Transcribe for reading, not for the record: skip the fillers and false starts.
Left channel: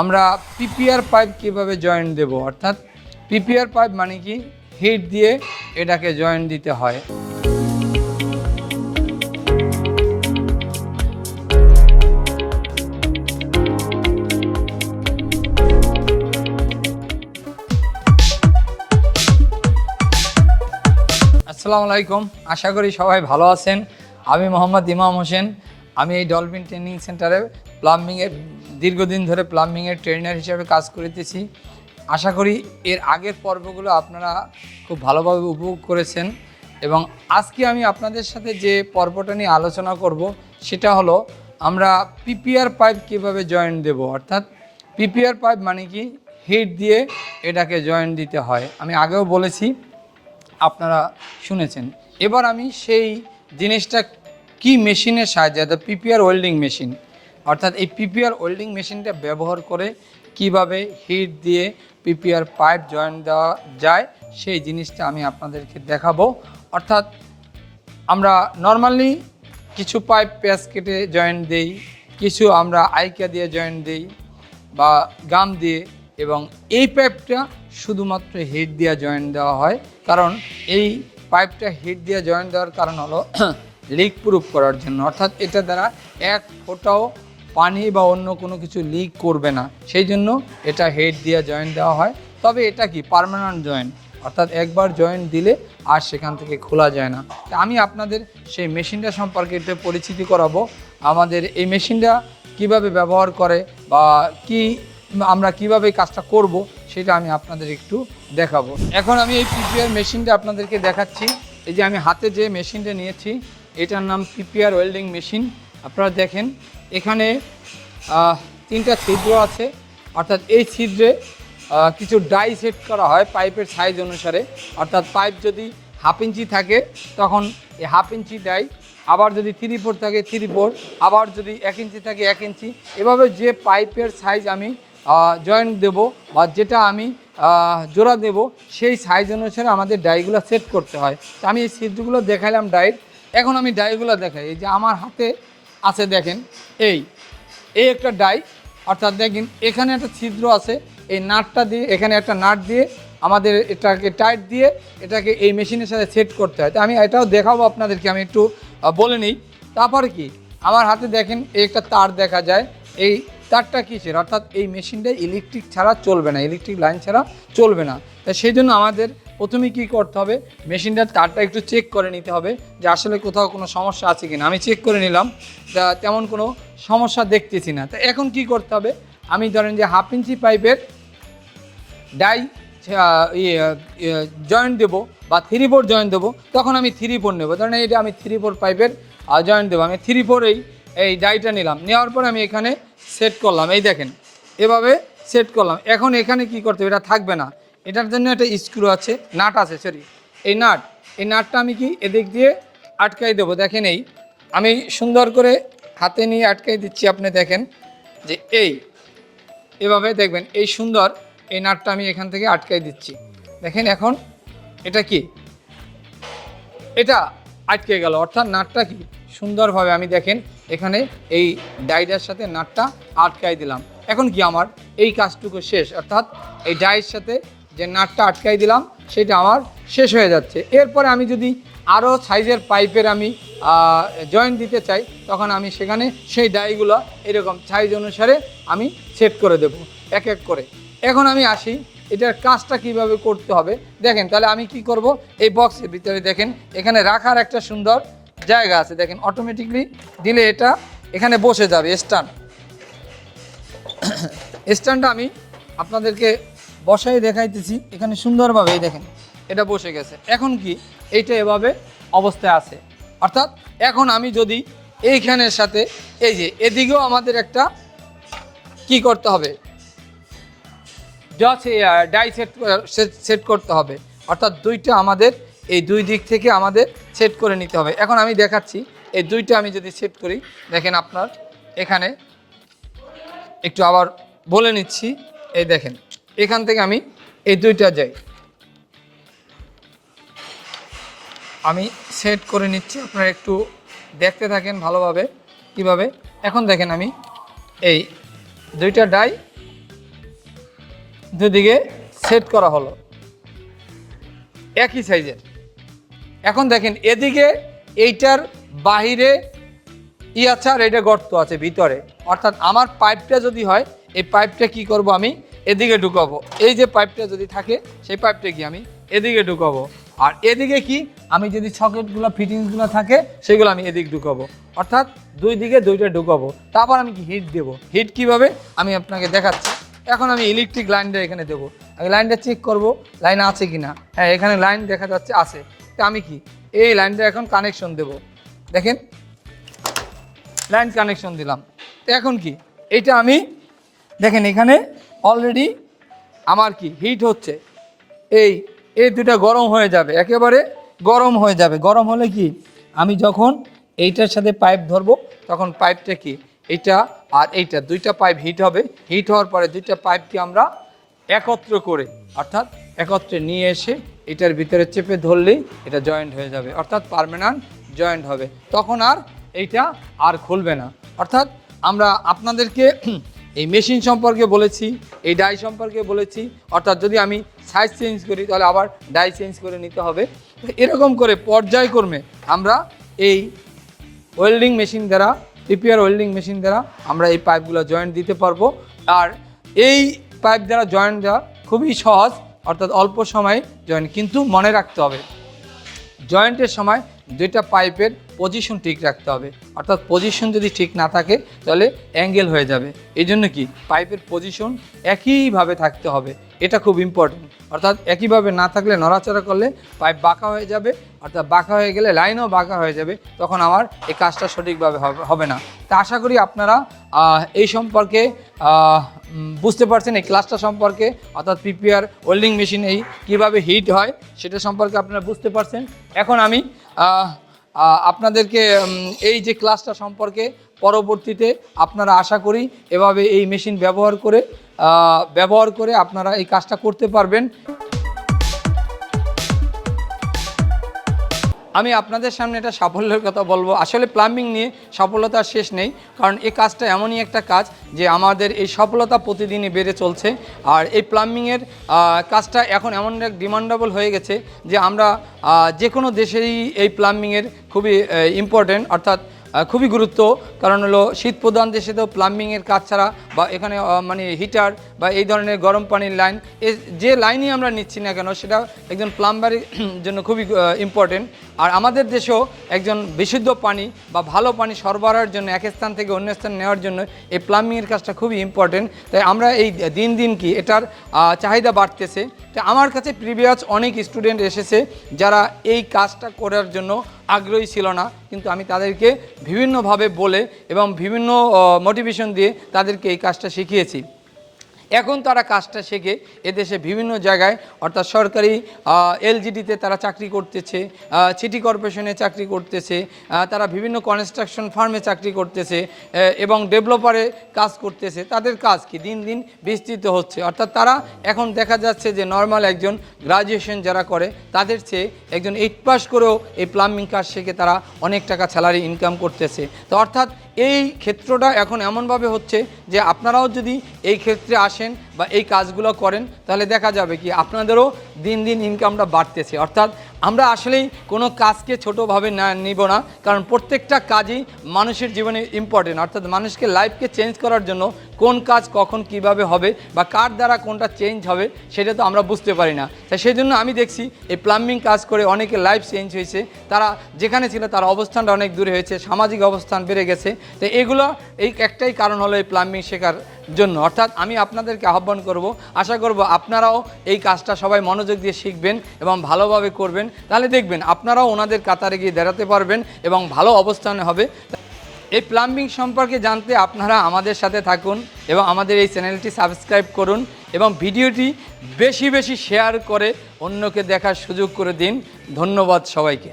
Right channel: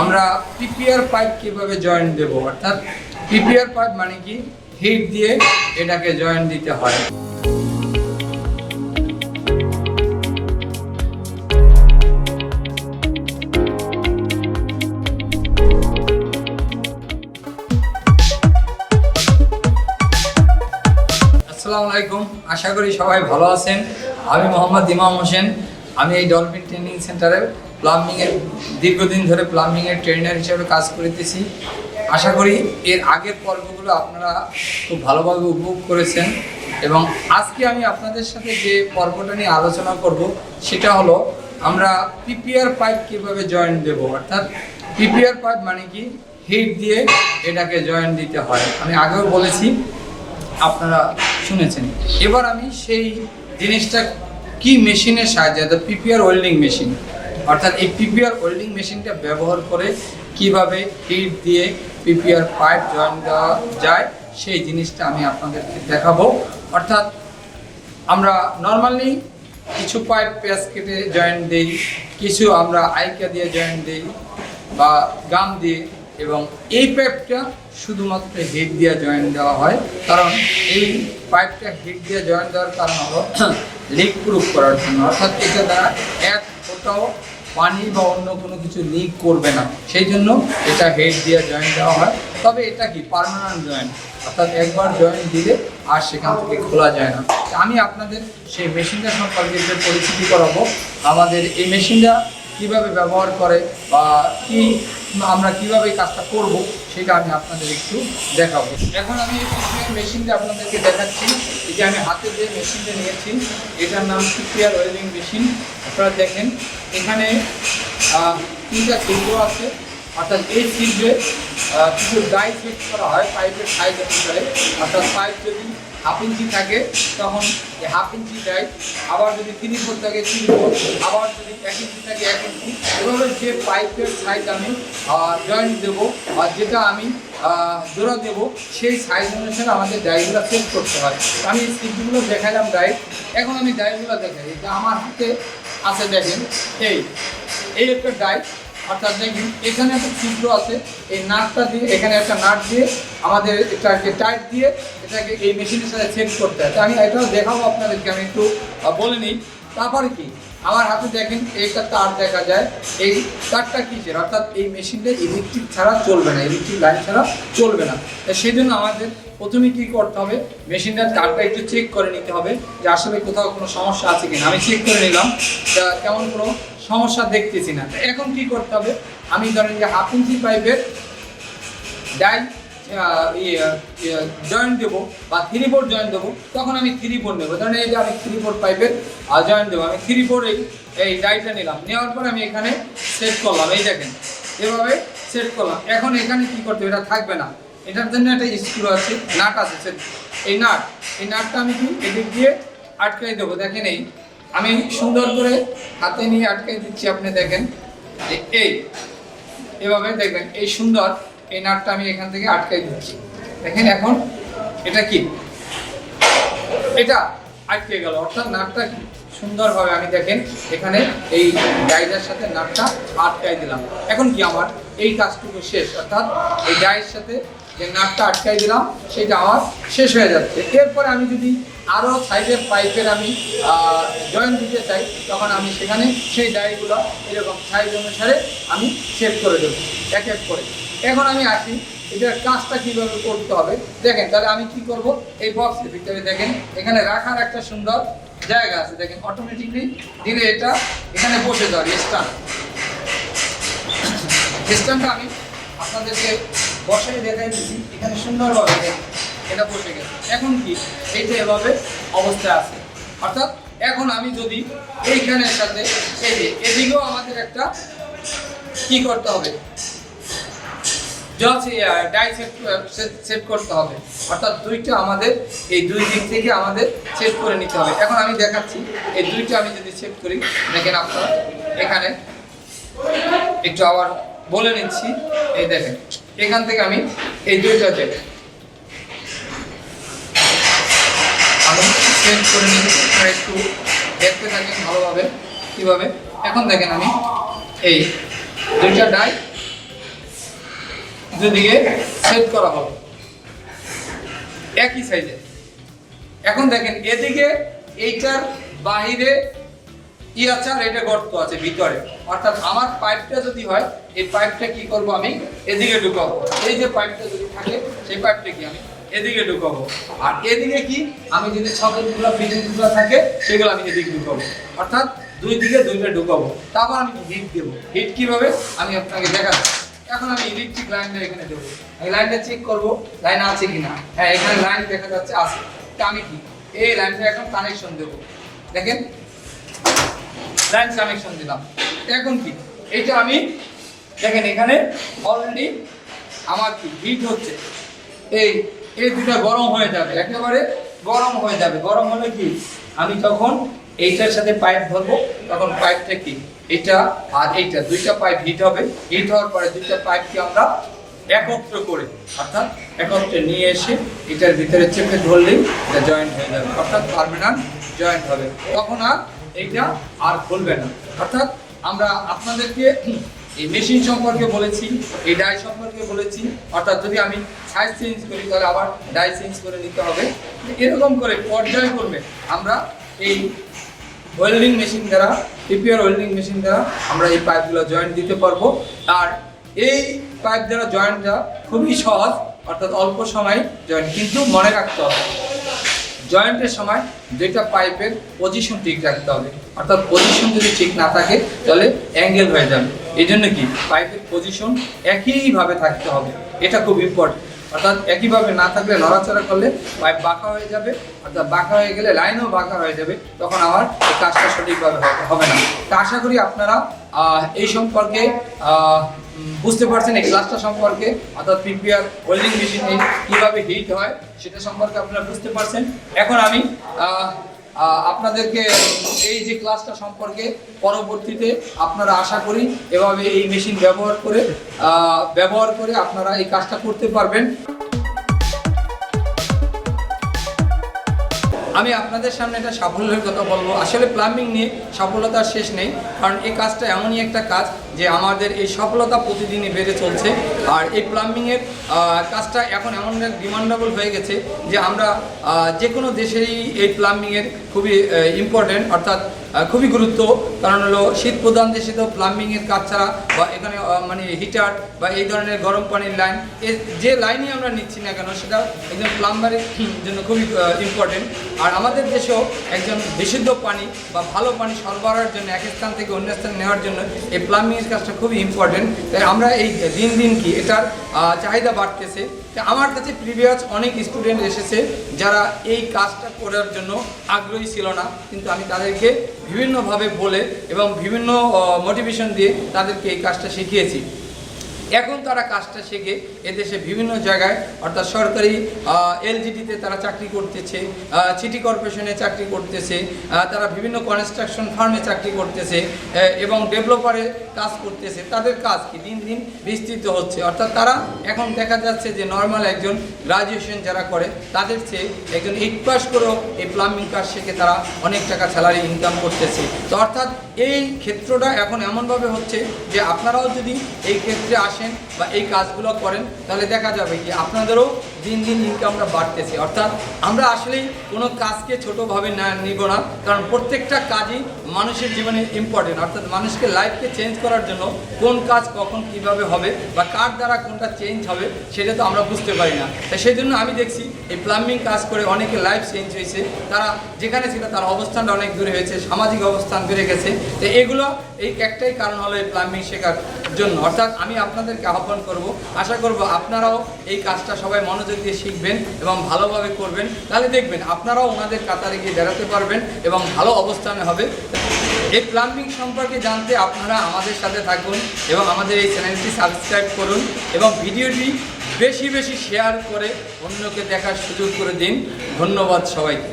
আমরা PPR pipe কিভাবে joint দেব, অর্থাৎ পিপিআর পাইপ মানে কি হিট দিয়ে এটাকে জয়েন্ট দিতে হয়। আসসালামু আলাইকুম, আশা করি সবাই ভালো আছেন। আমি মোহাম্মদ ইমাম হোসেন। আমি এই ডলফিন ট্রেনিং সেন্টারে প্লাম্বিংয়ের দীর্ঘদিন ধরে প্লাম্বিংয়ের ট্রেনার হিসেবে কাজ করতেছি। আশা করি এর আগের পর্বগুলো আপনারা খুব ভালোভাবে উপভোগ করেছেন এবং আজকে আমি আপনাদের সাথে যে পর্বটা নিয়ে আলোচনা করব সেটা হলো আমরা পিপিআর পাইপ কীভাবে জয়েন্ট দেব, অর্থাৎ পিপিআর পাইপ মানে কি হিট দিয়ে এটাকে জয়েন্ট দিতে হয়। আমি আগেও বলেছি, আপনারা শুনেছেন। এবার আমি সেই জিনিসটা কি মেশিনের সাহায্যে, অর্থাৎ পিপিআর ওয়েল্ডিং মেশিন, অর্থাৎ এই পিপিআর ওয়েল্ডিং মেশিনটা ব্যবহার করে কিভাবে হিট দিয়ে পিপিআর পাইপ জয়েন্ট দেওয়া যায় সেই জিনিসটা আমি আপনাদেরকে দেখাবো। অর্থাৎ আমরা নর্মালি কিছু পাইপ প্যাচ কেটে জয়েন্ট দিই, কিছু আমরা আইকা দিয়ে জয়েন্ট দিই বা গাম দিয়ে, এবং এই পাইপটা শুধুমাত্র হিট দিয়ে জয়েন্ট দেওয়া হয়। কারণ এই পাইপটা হিট দিয়ে জয়েন্ট দেওয়ার কারণ হলো লিক প্রুফ করার জন্য, অর্থাৎ এটা দ্বারা এক ফোঁটাও পানি বা অন্য কোনো কিছু লিক করবে না, সেই জন্য এটা হিট দিয়ে জয়েন্ট দেওয়া হয়। তবে এটা কি পার্মানেন্ট জয়েন্ট, অর্থাৎ একবার জয়েন্ট দিলে আর সেখান থেকে খোলা যায় না। আমি আপনাদের সেই মেশিনটা সম্পর্কে একটু পরিচিতি করাবো। আমাদের এই মেশিনটা কিভাবে ব্যবহার করে বা আমরা কিভাবে কাজটা করব সেটা আমি আপনাদের একটু দেখাবো। এখন আমি এই পিপিআর মেশিনটা আপনাদেরকে দেখাচ্ছি। এই যে আমি হাতে যে মেশিনটা নিয়েছি এটার নাম পিপিআর ওয়েল্ডিং মেশিন। আপনারা দেখেন এখানে 3টা ছিদ্র আছে, অর্থাৎ এই ছিদ্রে কিছু ডাই সেট করা হয় পাইপের সাইজ অনুসারে। অর্থাৎ পাইপ যদি 1/2 ইঞ্চি থাকে তখন এই 1/2 ইঞ্চি ডাই, আবার যদি 3/4 থাকে 3/4, আবার যদি 1 ইঞ্চি থাকে 1 ইঞ্চি। এভাবে যে পাইপের সাইজ আমি জয়েন্ট দেবো আর যেটা আমি জোড়া দেব সেই সাইজ অনুসারে আমাদের ডাইগুলো সেট করতে হয়। আমি এই সেটগুলো দেখালাম ডাই। এখন আমি ডাইগুলো দেখাই। এই যে আমার হাতে আছে, দেখেন এই একটা ডাই, অর্থাৎ দেখেন এখানে একটা ছিদ্র আছে, এই নাটটা দিয়ে এখানে একটা নাট দিয়ে আমাদের এটাকে টাইট দিয়ে এটাকে এই মেশিনের সাথে সেট করতে হয়। আমি এটাও দেখাবো আপনাদেরকে, আমি একটু বলে নিই। তারপরে কি আমার হাতে দেখেন একটা তার দেখা যায়, এই তারটা কিসের, অর্থাৎ এই মেশিনটা ইলেকট্রিক ছাড়া চলবে না, ইলেকট্রিক লাইন ছাড়া চলবে না। সেই জন্য আমাদের প্রথমে কী করতে হবে, মেশিনটার তারটা একটু চেক করে নিতে হবে যে আসলে কোথাও কোনো সমস্যা আছে কিনা। আমি চেক করে নিলাম, তেমন কোনো সমস্যা দেখতেছি না। তো এখন কি করতে হবে, আমি ধরেন যে 1/2 ইঞ্চি পাইপের ডাই জয়েন্ট দেবো বা 3/4 জয়েন্ট দেবো, তখন আমি 3/4 নেবো। ধরেন এই যে আমি 3/4 পাইপের জয়েন্ট দেবো, আমি 3/4 এই ডাইটা নিলাম, নেওয়ার পর আমি এখানে সেট করলাম। এই দেখেন এভাবে সেট করলাম। এখন এখানে কি করতে হবে, এটা থাকবে না, এটার জন্য একটা স্ক্রু আছে, নাট আছে, এই নাটটা আমি কি এদিক দিয়ে আটকাই দেবো। দেখেন এই আমি সুন্দর করে হাতে নিয়ে আটকাই দিচ্ছি। আপনি দেখেন যে এভাবে দেখবেন এই সুন্দর এই নাটটা আমি এখান থেকে আটকাই দিচ্ছি। দেখেন এখন এটা কি, এটা আটকে গেল, অর্থাৎ নাটটা কি সুন্দরভাবে আমি দেখেন এখানে এই ডাইয়ের সাথে নাটটা আটকাই দিলাম। এখন কি আমার এই কাজটুকু শেষ, অর্থাৎ এই ডাইয়ের সাথে যে নাটটা আটকাই দিলাম সেটা আমার শেষ হয়ে যাচ্ছে। এরপরে আমি যদি আরও সাইজের পাইপের আমি জয়েন্ট দিতে চাই তখন আমি সেখানে সেই ডাইগুলো এরকম সাইজ অনুসারে আমি সেট করে দেবো এক এক করে। এখন আমি আসি এটার কাজটা কিভাবে করতে হবে। দেখেন তাহলে আমি কি করব, এই বক্সের ভিতরে দেখেন এখানে রাখার একটা সুন্দর জায়গা আছে, দেখেন অটোমেটিকলি দিলে এটা এখানে বসে যাবে। স্ট্যান্ডটা আমি আপনাদেরকে বসাই দেখাইতেছি, এখানে সুন্দরভাবে দেখেন এটা বসে গেছে। এখন কি এইটা এভাবে অবস্থায় আছে, অর্থাৎ এখন আমি যদি এইখানের সাথে এই যে এদিকেও আমাদের একটা কি করতে হবে, ডাই সেট করতে হবে, অর্থাৎ দুইটা আমাদের এই দুই দিক থেকে আমাদের সেট করে নিতে হবে। এখন আমি দেখাচ্ছি এই দুইটা আমি যদি সেট করি, দেখেন আপনার এখানে একটু আবার বলে নিচ্ছি। এই দেখেন এখান থেকে আমি এই দুইটা আমি সেট করে নিচ্ছি, একটু দেখতে থাকেন ভালোভাবে কীভাবে। এখন দেখেন আমি এই দুইটা ডাই দুদিকে সেট করা হলো একই সাইজে। এখন দেখেন এদিকে এইটার বাহিরে আছে আর এটা গর্ত আছে ভিতরে, অর্থাৎ আমার পাইপটা যদি হয় এই পাইপটা কি করব আমি এদিকে ঢুকাবো। এই যে পাইপটা যদি থাকে সেই পাইপটা কি আমি এদিকে ঢুকাবো, আর এদিকে কি আমি যদি সকেটগুলো ফিটিংসগুলো থাকে সেগুলো আমি এদিকে ঢুকাবো, অর্থাৎ দুই দিকে দুইটা ঢুকাবো। তারপর আমি হিট দেবো। হিট কিভাবে আমি আপনাকে দেখাচ্ছি। এখন আমি ইলেকট্রিক লাইনটা এখানে দেবো, আমি লাইনটা চেক করব লাইন আছে কি না। হ্যাঁ, এখানে লাইন দেখা যাচ্ছে আছে। তা আমি কি এই লাইনটা এখন কানেকশন দেবো। দেখেন লাইন কানেকশন দিলাম। এখন কি এটা আমি দেখেন এখানে অলরেডি আমার কি হিট হচ্ছে, এই দুটা গরম হয়ে যাবে, একেবারে গরম হয়ে যাবে। গরম হলে কি আমি যখন এইটার সাথে পাইপ ধরবো তখন পাইপটা কি এটা আর এইটা দুইটা পাইপ হিট হবে। হিট হওয়ার পরে দুইটা পাইপকে আমরা একত্র করে অর্থাৎ একত্রে নিয়ে এসে এটার ভিতরে চেপে ধরলেই এটা জয়েন্ট হয়ে যাবে, অর্থাৎ পার্মানেন্ট জয়েন্ট হবে। তখন আর এইটা আর খুলবে না। অর্থাৎ আমরা আপনাদেরকে এই মেশিন সম্পর্কে বলেছি, এই ডাই সম্পর্কে বলেছি, অর্থাৎ যদি আমি সাইজ চেঞ্জ করি তাহলে আবার ডাই চেঞ্জ করে নিতে হবে। এরকম করে পর্যায়ক্রমে আমরা এই ওয়েল্ডিং মেশিন দ্বারা পিপিআর ওয়েল্ডিং মেশিন দ্বারা আমরা এই পাইপগুলো জয়েন্ট দিতে পারবো। আর এই পাইপ দ্বারা জয়েন্ট দেওয়া খুবই সহজ, অর্থাৎ অল্প সময় জয়েন্ট। কিন্তু মনে রাখতে হবে জয়েন্টের সময় দুইটা পাইপের পজিশন ঠিক রাখতে হবে, অর্থাৎ পজিশন যদি ঠিক না থাকে তাহলে অ্যাঙ্গেল হয়ে যাবে। এই জন্য কি পাইপের পজিশন একইভাবে থাকতে হবে, এটা খুব ইম্পর্টেন্ট। অর্থাৎ একইভাবে না থাকলে নড়াচড়া করলে পাইপ বাঁকা হয়ে যাবে, অর্থাৎ বাঁকা হয়ে গেলে লাইনও বাঁকা হয়ে যাবে, তখন আমার এই কাজটা সঠিকভাবে হবে না। তা আশা করি আপনারা এই সম্পর্কে বুঝতে পারছেন, এই ক্লাসটা সম্পর্কে, অর্থাৎ পিপিআর ওয়েল্ডিং মেশিন এই কীভাবে হিট হয় সেটা সম্পর্কে আপনারা বুঝতে পারছেন। এখন আমি আপনাদেরকে এই যে ক্লাসটা সম্পর্কে পরবর্তীতে আপনারা আশা করি এভাবে এই মেশিন ব্যবহার করে আপনারা এই কাজটা করতে পারবেন। আমি আপনাদের সামনে এটা সাফল্যের কথা বলবো। আসলে প্লাম্বিং নিয়ে সফলতার শেষ নেই, কারণ এই কাজটা এমনই একটা কাজ যে আমাদের এই সফলতা প্রতিদিনই বেড়ে চলছে। আর এই প্লাম্বিংয়ের কাজটা এখন এমন ডিমান্ডেবল হয়ে গেছে যে আমরা যে কোনো দেশেই এই প্লাম্বিংয়ের খুবই ইম্পর্টেন্ট, অর্থাৎ খুবই গুরুত্ব। কারণ হলো শীত প্রধান দেশে তো প্লাম্বিংয়ের কাজ ছাড়া বা এখানে মানে হিটার বা এই ধরনের গরম পানির লাইন যে লাইনই আমরা নিচ্ছি না কেন সেটা একজন প্লাম্বারের জন্য খুবই ইম্পর্টেন্ট। আর আমাদের দেশেও একজন বিশুদ্ধ পানি বা ভালো পানি সরবরাহের জন্য এক স্থান থেকে অন্য স্থানে নেওয়ার জন্য এই প্লাম্বিংয়ের কাজটা খুবই ইম্পর্টেন্ট। তাই আমরা এই দিন দিন কি এটার চাহিদা বাড়তেছে। তো আমার কাছে প্রিভিয়াস অনেক স্টুডেন্ট এসেছে যারা এই কাজটা করার জন্য আগ্রহী ছিল না, কিন্তু আমি তাদেরকে বিভিন্নভাবে বলে এবং বিভিন্ন মোটিভেশন দিয়ে তাদেরকে এই কাজটা শিখিয়েছি। এখন তারা কাজটা শিখে এদেশে বিভিন্ন জায়গায় অর্থাৎ সরকারি এলজিডিতে তারা চাকরি করতেছে, সিটি কর্পোরেশনে চাকরি করতেছে, তারা বিভিন্ন কনস্ট্রাকশন ফার্মে চাকরি করতেছে এবং ডেভেলপারে কাজ করতেছে। তাদের কাজ কি দিন দিন বিস্তৃত হচ্ছে, অর্থাৎ তারা এখন দেখা যাচ্ছে যে নর্মাল একজন গ্রাজুয়েশন যারা করে তাদের চেয়ে একজন 8 পাস করেও এই প্লাম্বিং কাজ শিখে তারা অনেক টাকা স্যালারি ইনকাম করতেছে। তো অর্থাৎ এই ক্ষেত্রটা এখন এমনভাবে হচ্ছে যে আপনারাও যদি এই ক্ষেত্রে আসেন বা এই কাজগুলো করেন তাহলে দেখা যাবে কি আপনাদেরও দিন দিন ইনকামটা বাড়তেছে। অর্থাৎ আমরা আসলেই কোনো কাজকে ছোটোভাবে নিব না, কারণ প্রত্যেকটা কাজই মানুষের জীবনে ইম্পর্টেন্ট। অর্থাৎ মানুষকে লাইফকে চেঞ্জ করার জন্য কোন কাজ কখন কিভাবে হবে বা কার দ্বারা কোনটা চেঞ্জ হবে সেটা তো আমরা বুঝতে পারি না। তাই সেই জন্য আমি দেখছি এই প্লাম্বিং কাজ করে অনেকের লাইফ চেঞ্জ হয়েছে, তারা যেখানে ছিল তার অবস্থানটা অনেক দূরে হয়েছে, সামাজিক অবস্থান বেড়ে গেছে। তো এগুলো এই একটাই কারণ হলো এই প্লাম্বিং শেখার জন্য। অর্থাৎ আমি আপনাদেরকে আহ্বান করব, আশা করব আপনারাও এই কাজটা সবাই মনোযোগ দিয়ে শিখবেন এবং ভালোভাবে করবেন, তাহলে দেখবেন আপনারাও ওনাদের কাতারে গিয়ে দাঁড়াতে পারবেন এবং ভালো অবস্থানে হবে। এই প্লাম্বিং সম্পর্কে জানতে আপনারা আমাদের সাথে থাকুন এবং আমাদের এই চ্যানেলটি সাবস্ক্রাইব করুন এবং ভিডিওটি বেশি বেশি শেয়ার করে অন্যকে দেখার সুযোগ করে দিন। ধন্যবাদ সবাইকে।